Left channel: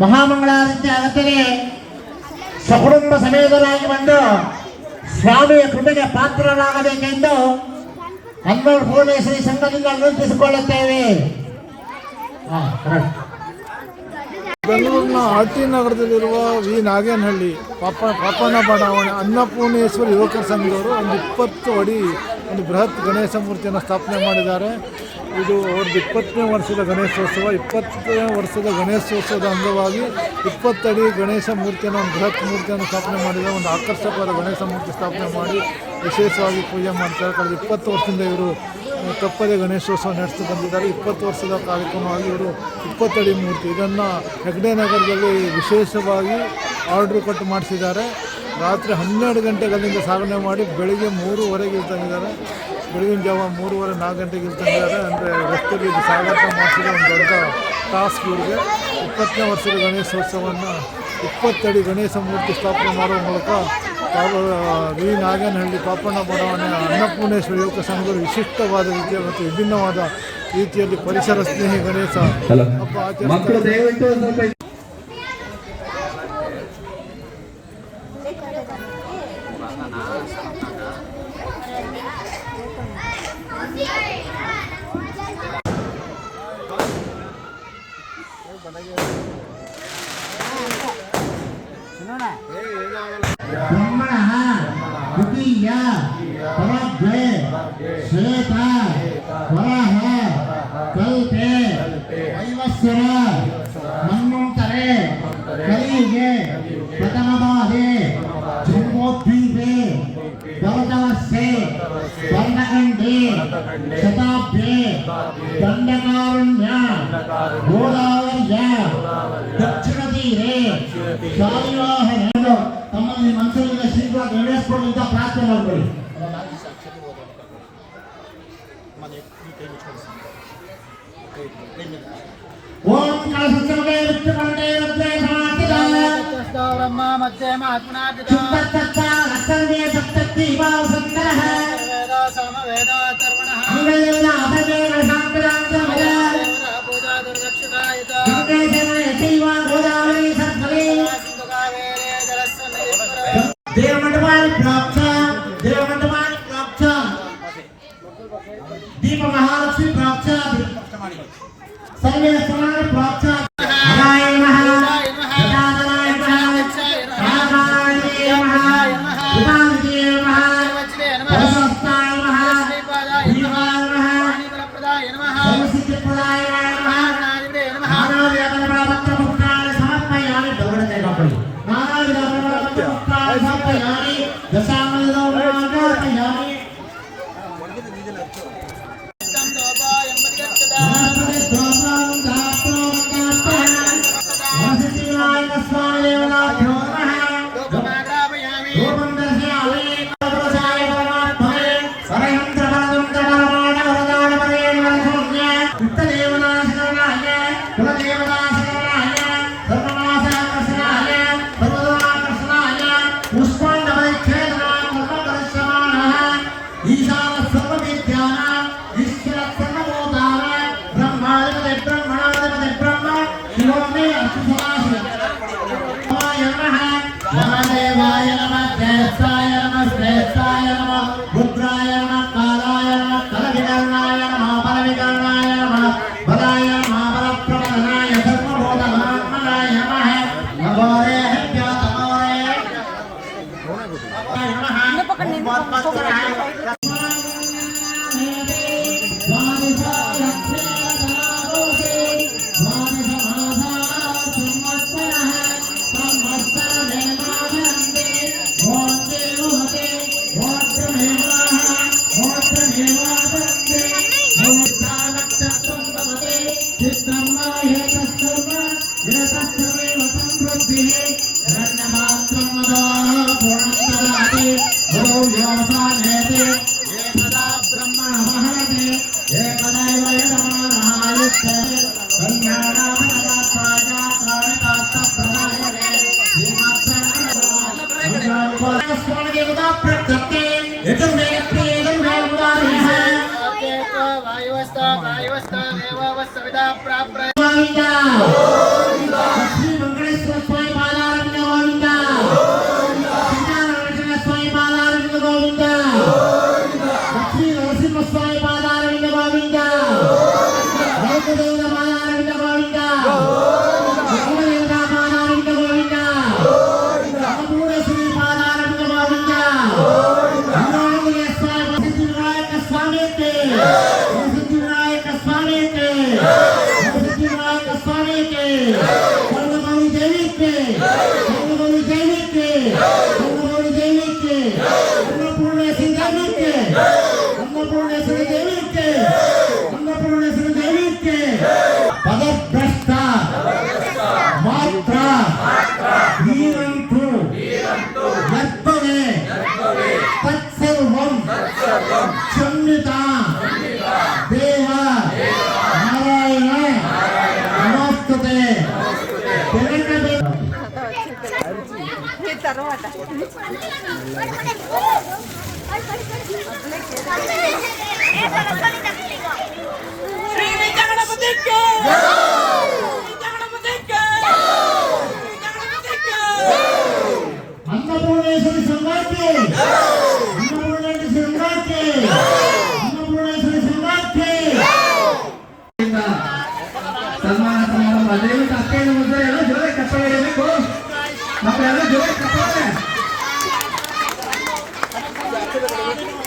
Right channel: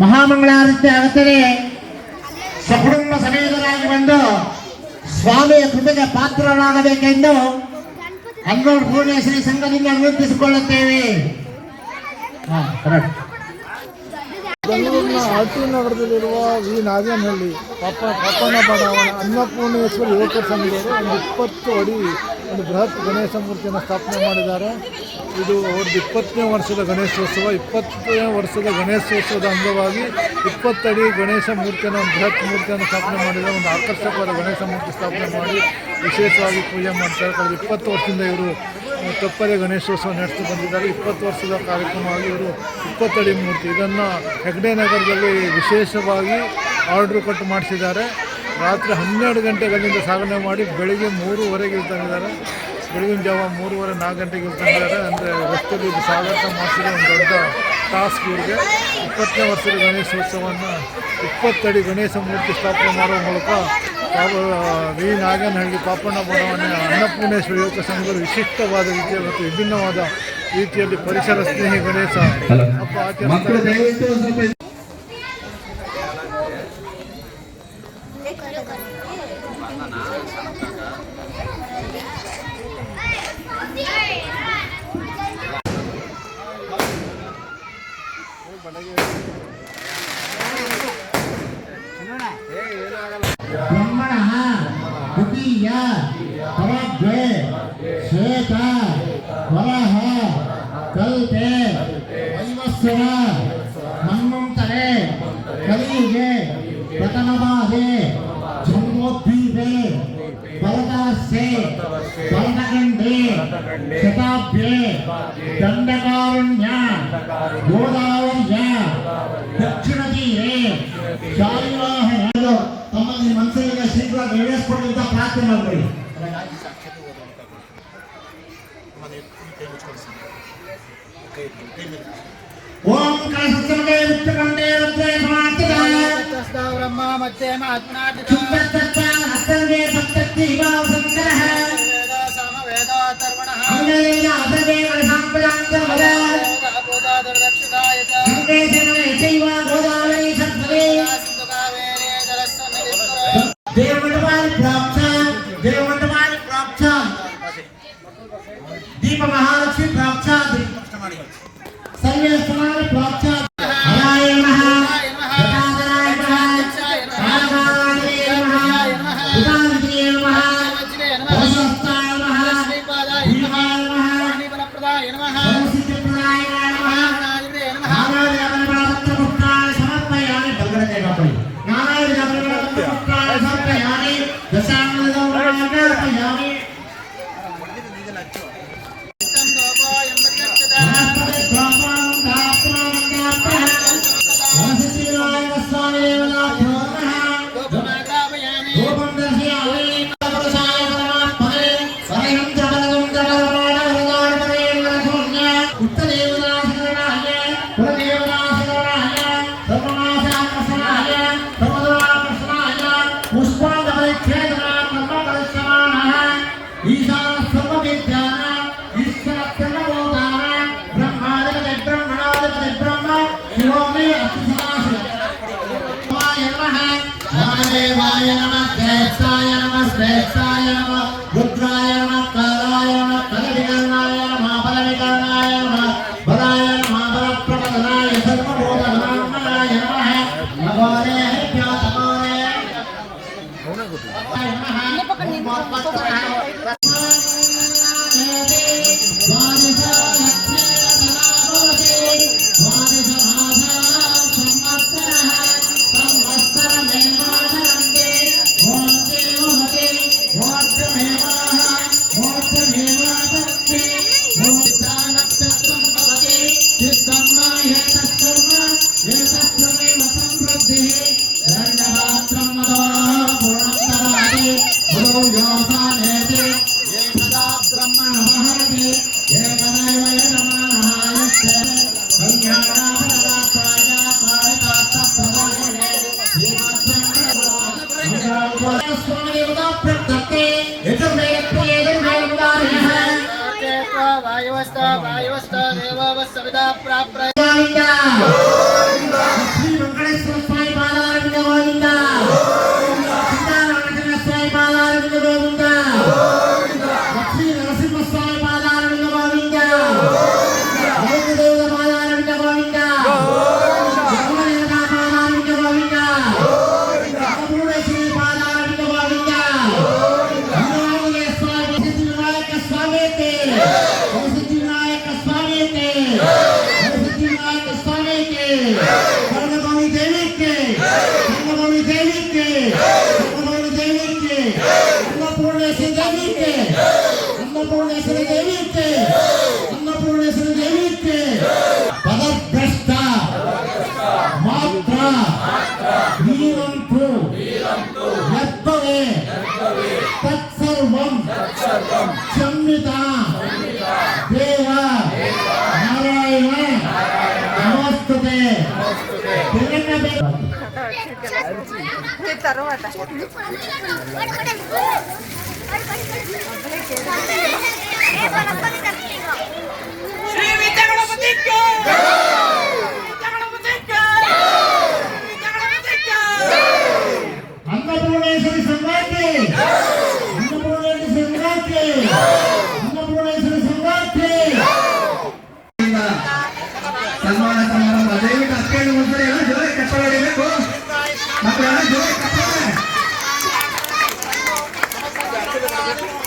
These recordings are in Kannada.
ಮಹಾಮಂಗಳಾರತಿ ಆಗುತ್ತದೆ ಸಕುಟುಂಬ ಸಮೇತರಾಗಿ ಬಂದು ಸ್ವಾಮಿಯ ಕೃಪೆಗೆ ಪಾತ್ರರಾಗಬೇಕೆಂದು ಅನ್ನೂರು ಭುವನೇಶ್ವರಿ ಸಂಘದಿಂದ ವಿನಂತಿಸಿಕೊಳ್ಳುತ್ತೇವೆ. ಬೆಂಗಳೂರಿನ ಆರ್ ಟಿ ನಗರದಲ್ಲಿರುವ ವಿ ನಾಗೇನಹಳ್ಳಿ ಪಾಪ ಪಾಪಣ್ಣ ಬಡಾವಣೆ, ಅನ್ನಪೂರ್ಣೇಶ್ವರಿ ಯುವಕರ ಸಂಘದವರು ಒಂದು ಇಪ್ಪತ್ತು ಅಡಿ ಒಂದು ಬೃಹತ್ ಗಣೇಶ ಮೂರ್ತಿಯನ್ನು ಸ್ಥಾಪನೆ ಮಾಡಿದ್ದಾರೆ. ಇದು ಅವ್ರದ್ದು ಇಪ್ಪತ್ತನೇ ವರ್ಷದ ಗಣೇಶೋತ್ಸವ. ಇಪ್ಪತ್ತನೇ ವರ್ಷದ ಗಣೇಶೋತ್ಸವದ ಅಂಗವಾಗಿ ಇಪ್ಪತ್ತಡಿ ಗಣೇಶ ಮೂರ್ತಿಯನ್ನು ಒಂದು ಬೃಹತ್ ಮೂರ್ತಿಯನ್ನು ಸ್ಥಾಪನೆ ಮಾಡಿದ್ದಾರೆ. ಒಂದು ಆಕರ್ಷಕವಾದ ಗಣೇಶ ಮೂರ್ತಿ ಸ್ಥಾಪನೆ ಮಾಡಿ ವಿಶೇಷವಾಗಿ ಪೂಜೆ ಮಾಡ್ತಾರೆ. ಕಳೆದ ಇಪ್ಪತ್ತು ವರ್ಷದಿಂದ ಇವರು ತಪ್ಪದೆ ಗಣೇಶೋತ್ಸವ ನಡೆಸಿ ಬಂದಿದ್ದಾರೆ. ಇಪ್ಪತ್ತು ವರ್ಷದ ಕಾರ್ಯಕ್ರಮವಾಗಿ ಇವರು ಇಪ್ಪತ್ತಡಿ ಮೂರ್ತಿ. ಇದನ್ನು ಹೆಗ್ಡೆ ನಗರದಲ್ಲಿ ವಿಶೇಷವಾಗಿ ಆರ್ಡ್ರ್ ಕೊಟ್ಟು ಮಾಡಿಸಿದ್ದಾರೆ. ರಾತ್ರಿ ಹನ್ನೆರಡು ಗಂಟೆಗಳಿಂದ ಸಾಗಣೆ ಮಾಡಿ ಬೆಳಿಗ್ಗೆ ಮೂರುವರೆಗೆ ಇರ್ತಂಗಿದ್ದಾರೆ ಬೆಳಗಿನ ಜಾವ ಮೂರುವರೆ ನಾಲ್ಕು ಗಂಟೆಗೆ ಇರ್ತಂಗಿದ್ದಾರೆ ಅಂದರೆ ರಸ್ತೆಯಲ್ಲಿ ಇದು ಸಾಗಾಟ ಮಾಡಿಸಿದ ಒಂದು ದೊಡ್ಡ ಟಾಸ್ಕ್ ಇವರಿಗೆ. ಇಪ್ಪತ್ತನೇ ವರ್ಷದ ಗಣೇಶೋತ್ಸವವನ್ನು ಇಪ್ಪತ್ತಡಿ ಗಣೇಶ ಮೂರ್ತಿ ಸ್ಥಾಪನೆ ಮಾಡುವ ಮೂಲಕ ಪಾಪ ವಿ. ನಾಗೇನಹಳ್ಳಿ ಪಾಪಣ್ಣ ಬಡಾವಣೆಯ ಅನ್ನಪೂರ್ಣೇಶ್ವರ ಯುವಕ ಸಂಘಗಳು ವಿಶಿಷ್ಟವಾದ ರೀತಿಯ ಮತ್ತು ವಿಭಿನ್ನವಾದ ರೀತಿಯಲ್ಲಿ ಪರಿಸರ ಸ್ನೇಹಿ ಗಣೇಶ ಹಬ್ಬ ಆಚರಿಸ್ತಾರೆ. ब्रह्मणः द्वितीय तवद्वे श्वेत वरः कल्पे वैवस्वर मन्वन्तरे कलियुगे प्रथमभागे जन्मोद्दीपे भरतास्ये वर्णखण्डे शताब्दे दण्डका ಶೀಘ್ರವಾಗಿ ನೆರವೇರಿಸಿಕೊಂಡು ಅಂತ ಪ್ರಾರ್ಥನೆ ಮಾಡಬೇಡಿ ಓಂ ಕಳಸುತ್ತಮಗೆ ವಿತ್ತಮಂಡೆ ವೃದ್ಧೇ ಸಮಾರ್ಥಿಕಾಯ ಬ್ರಹ್ಮ ಮಧ್ಯೆ ಮಹಾತ್ಮನಾಟಿತ ಚುಂಬತ್ತತ್ತ ಅತ್ತಂಗೆ ಸಪ್ತತ್ತಿ ಭಾವ ಸಂಕರಃ ವೇದ ಸಾಮ ವೇದ ತರ್ವಣಃ ಅಂಗಲೇನ ಅಸಗೆ ಸಾಂಪ್ರಾಂತಮಯ ಪೂಜಾ ದುರ್ದಕ್ಷಿತಾಯ ಚ ಗಂಗೆ ಶರಣೆ ಚೈವ ಗೋದಾವರಿ సమయాన్ని దశామయాన్ని రూపం దర్శయామి సరైన రుద్రాయ నమ. రుద్రాయ నమ కాలాయ నమ తల వికర్ణాయ నమ బల వికర్ణాయ నమ బలాయ నమ బల ప్రబలనాయ సర్వభూత బలాత్మనాయ నమ నమోరే హ్యాతమోరే నమ के अन्नपूर्णेश्वरी देवी के अन्नपूर्णेश्वरी देवी के पदभ्रष्ट मात्रा वीरंतु यत्तवे तत्सर्वं क्षम्यता देव नारायण नमस्ते తర్వాత श्री विद्या गणपती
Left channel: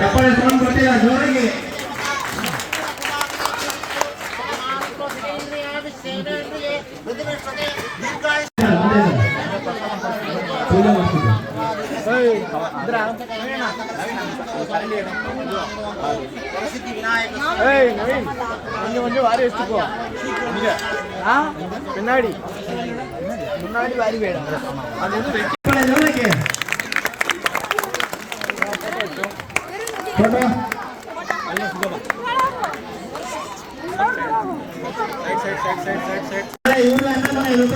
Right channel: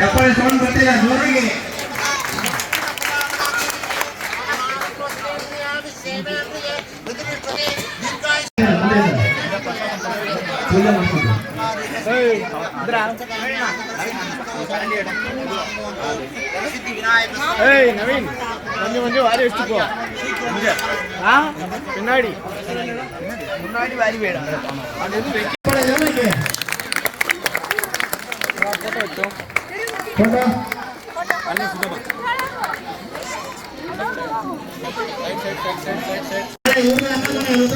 ಚಪ್ಪಾಳೆ ಸೌಂಡ್ ಬರ್ತಿಲ್ಲ ಜೋರಾಗಿ ಪೂಜೆ ಮಾಡ್ತಿದ್ದೆ ಚಪ್ಪಾಳೆ ಜೋರಾಗಿ ಫೋಟೋ ಇವ್ರನ್ನ ಹಾಕೋಣ, ಇವ್ರನ್ನ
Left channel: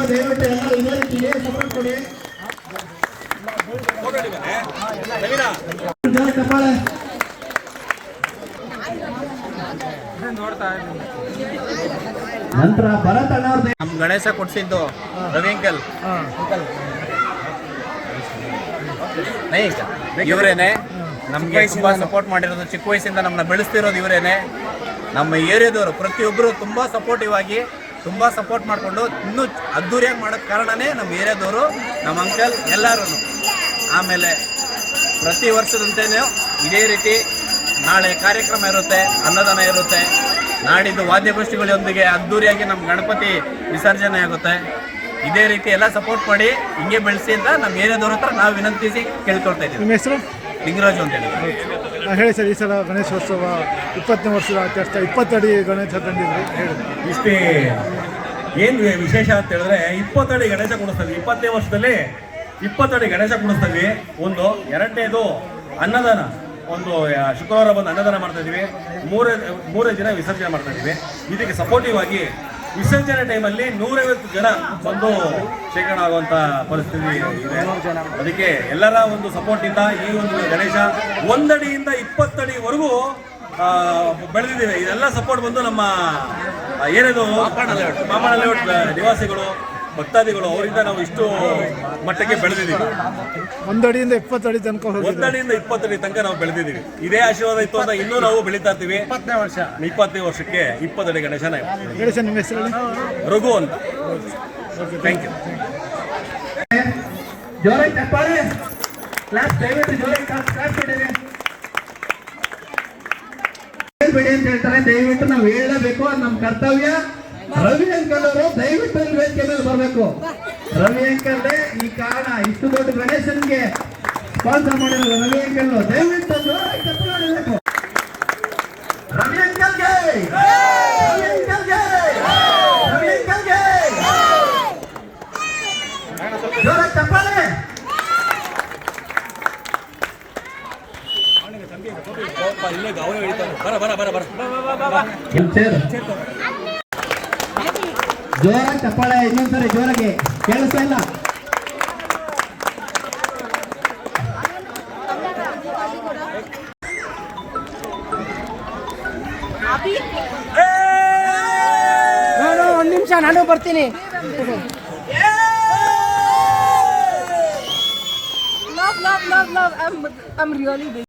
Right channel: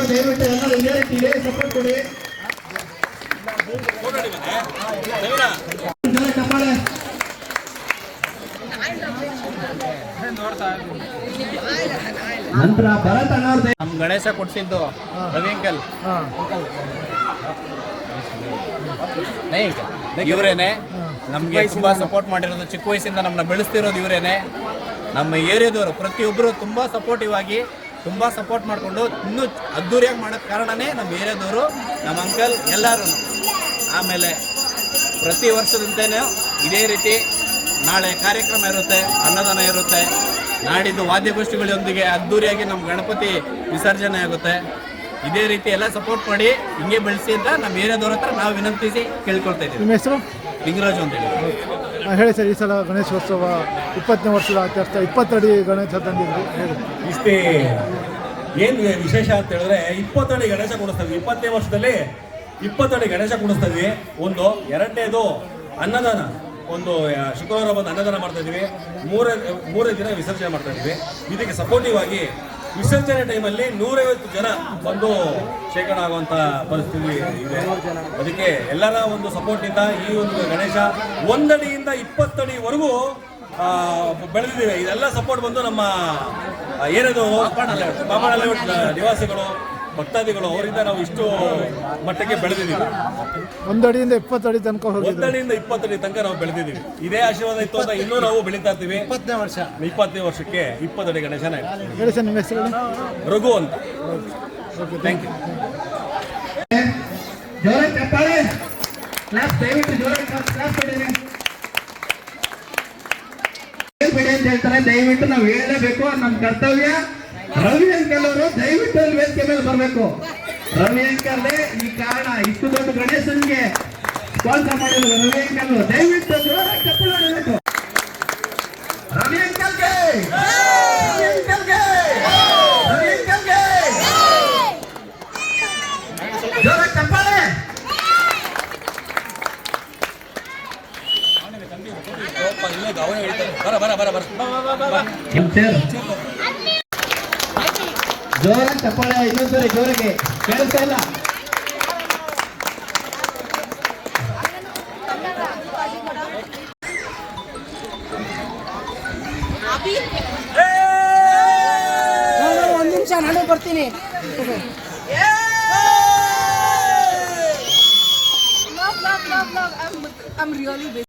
ದಯವಿಟ್ಟು ಎಲ್ಲರೂ ಇದೇ ರೀತಿ ಇದೇ ಸಪೋರ್ಟ್ ಕೊಡಿ. ಜೋರಾಗಿ ಚಪ್ಪಾಳೆ. ನಂತರ ಭರತ್ ಅಣ್ಣವ್ರದ್ದು ನಮ್ ಗಣೇಶ ಕೊಡ್ಸಿದ್ದು ರವಿ ಅಂಕಲ್. ನೈ ಅಂಕಲ್. ಇವರೇನೆ. ನಮ್ಗೆ ತುಂಬ ಸಪೋರ್ಟ್ ಮಾಡಿರೋದು, ಚಿಕ್ಕ ವಯಸ್ಸಿಂದ ನಮ್ಮನ್ನ ಬೆಳೆಸ್ತಿರೋದು ಇವರೇನೆ. ನಮ್ಮ ಏರಿಯಾದವರು ಪ್ರತಿಯೊಬ್ಬರು ತುಂಬ ಸಪೋರ್ಟಿವ್ ಆಗಿ, ತುಂಬ ಸಪೋರ್ಟ್ ಮಾಡಿಕೊಂಡು ಇನ್ನೂ ಅದ್ದೂರಿಯಾಗಿ ಮಾಡೋಕ್ಕೆ ಕಾರಣನೇ ನಮ್ಮ ಏರಿಯಾದವರು, ನಮ್ಮ ಅಂಕಲ್ ಎಲ್ಲರೂ ಆಮೇಲೆ ಪ್ರತಿ ವರ್ಷದಂತೆಯೇ ಇದೇ ರೀತಿ ನಾಳೆ ಕಾರ್ಯಕ್ರಮ ಇರುತ್ತೆ, ಅನ್ನದಾನ ಇರುತ್ತೆ. ನಾಡಿದ್ದು ವಾದ್ಯಗೋಷ್ಠಿಗಳೊಂದಿಗೆ ಅದ್ದೂರಿಯಾಗಿ ನಮ್ಮ ಗಣಪತಿ ವಿಸರ್ಜನೆ ಆಗುತ್ತೆ. ಇದೇ ರೀತಿ ಎಲ್ಲ ಸಪೋರ್ಟ್ ಮಾಡಿ, ಹಿಂಗೆ ಬೆಳೆಸಿ ಅಂತ ನಮ್ಮ ಏರಿಯಾದವ್ರ ಹತ್ರ ನಾವು ವಿನಂತಿಸಿ ಕೇಳ್ಕೊಳ್ತಾ ಇದ್ದೀವಿ. ಹೆಸರು? ಲಿಂಗರಾಜು ಅಂತ ಹೇಳಿ ಹೇಳಿ ಸರ್ ಈ ಸಲ ಗಣೇಶೋತ್ಸವ ಇಪ್ಪತ್ತನೇ ವರ್ಷದ ಆಚರಿಸ್ತಾ ಇಪ್ಪತ್ತಡಿ ಗಣೇಶ ತಂದಿದ್ರಿ. ಹೇಳಿ. ಇಷ್ಟೇ ಏನು ವಿಶೇಷ ಅಂತ ಹೇಳಿದ್ರೆ ಇಪ್ಪತ್ತಡಿ ಗಣೇಶ ಕೊಡಿಸ್ತೀವಿ ಇಪ್ಪತ್ತನೇ ವರ್ಷದಲ್ಲಿ ಇಪ್ಪತ್ತಡಿ ಗಣೇಶ ಕೊಡಿಸ್ತೀವಿ ಒಂದು ಎರಡನೇದು ಅನ್ನದಾನ. ಒಂದು ಶುಕ್ರವಾರ ಬಂದು ಅನ್ನದಾನ ಮಾಡ್ತಾ ಇದ್ದೀವಿ ಮೂರೇ ಮೂರೇ ದಿನ ವಿಸರ್ಜನೆ ಮಾಡ್ತಾ ಇದ್ದೀವಿ ಇದಕ್ಕೆ ಸಪೋರ್ಟಿವ್ ಆಗಿ ವಿಸರ್ಜನೆ ಟೈಮಲ್ಲಿ ನೂರೈವತ್ತು ಜನ ಬಂದು ಶೇಖರಣ ಆಗುವಂತ ಪರಿಸ್ಥಿತಿ ಇದೆ. ಅದಕ್ಕೆ ಎಲ್ಲರ ಒಂದು ಸಪೋರ್ಟಿಂದ ಈ ಒಂದು ಗಣೇಶ ಒಂದಡಿಯಿಂದ ಇಪ್ಪತ್ತಡಿವರೆಗೂ ಬೆಳೆದಿದ್ದೇವೆ ಇದೆಲ್ಲ ಸಪೋರ್ಟ್ ಬಂದು ನಮ್ಮ ಏನಿದು ನಿವಾಸಿಗಳು ಭಕ್ತಾದಿಗಳು ಅವರಿಂದ ನಾವು ಇಷ್ಟು ಮಟ್ಟಕ್ಕೆ ಬೆಳೆದಿದ್ದೀವಿ. ಒಂದಡಿಯಿಂದ ಇಪ್ಪತ್ತು ಅಡಿ ತನಕ ಒಂದಡಿಯಿಂದ ಇಪ್ಪತ್ತಡಿ ತನಕ ನಾವು ಬೆಳೆದಿದ್ದೀವಿ. ಇದೇ ಆಶೀರ್ವಾದ ಇತ್ತು ಅಂತ ಇನ್ನೂ ನಾವು ಬೆಳೀತಾ ಇರ್ತೀವಿ. ಇಪ್ಪತ್ತನೇ ವರ್ಷ. ಇಪ್ಪತ್ತನೇ ವರ್ಷಕ್ಕೆ ಇಪ್ಪತ್ತಡಿ ಗಣೇಶನ ಗಣೇಶ ನಿಮ್ಮ ಹೆಸರಲ್ಲಿ? ರಘು ಅಂತ. ಥ್ಯಾಂಕ್ ಯು ಹೇಳ್ತಾರೆ ದಯವಿಟ್ಟು ನಾವು ಹೇಳಲೇಬೇಕು ನಮ್ಮ ಕರ್ತವ್ಯ. ರವಿ ಅಂಕಲ್ ಅವರು ದಯವಿಟ್ಟು ಅಲ್ಲಿ ವೇದಿಕೆ ಮೇಲೆ ಬರಬೇಕು. ರವಿ ಅಂಕಲ್ ಈ ಕಾರಣ. ಇಷ್ಟು ದೊಡ್ಡ ಗಣೇಶನ್ಗೆ ಸ್ಪಾನ್ಸರ್ ಮಾಡಿರೋದು ರವಿ ಅಂಕಲ್ ದಯವಿಟ್ಟು ರವಿ ಅಂಕಲ್ಗೆ! ಕೇಳಿಸ್ತಾ ಇಲ್ಲ ಒಂದು ನಿಮಿಷ ನಾನು ಬರ್ತೀನಿ Love, love, love, love. I'm, I'm really busy.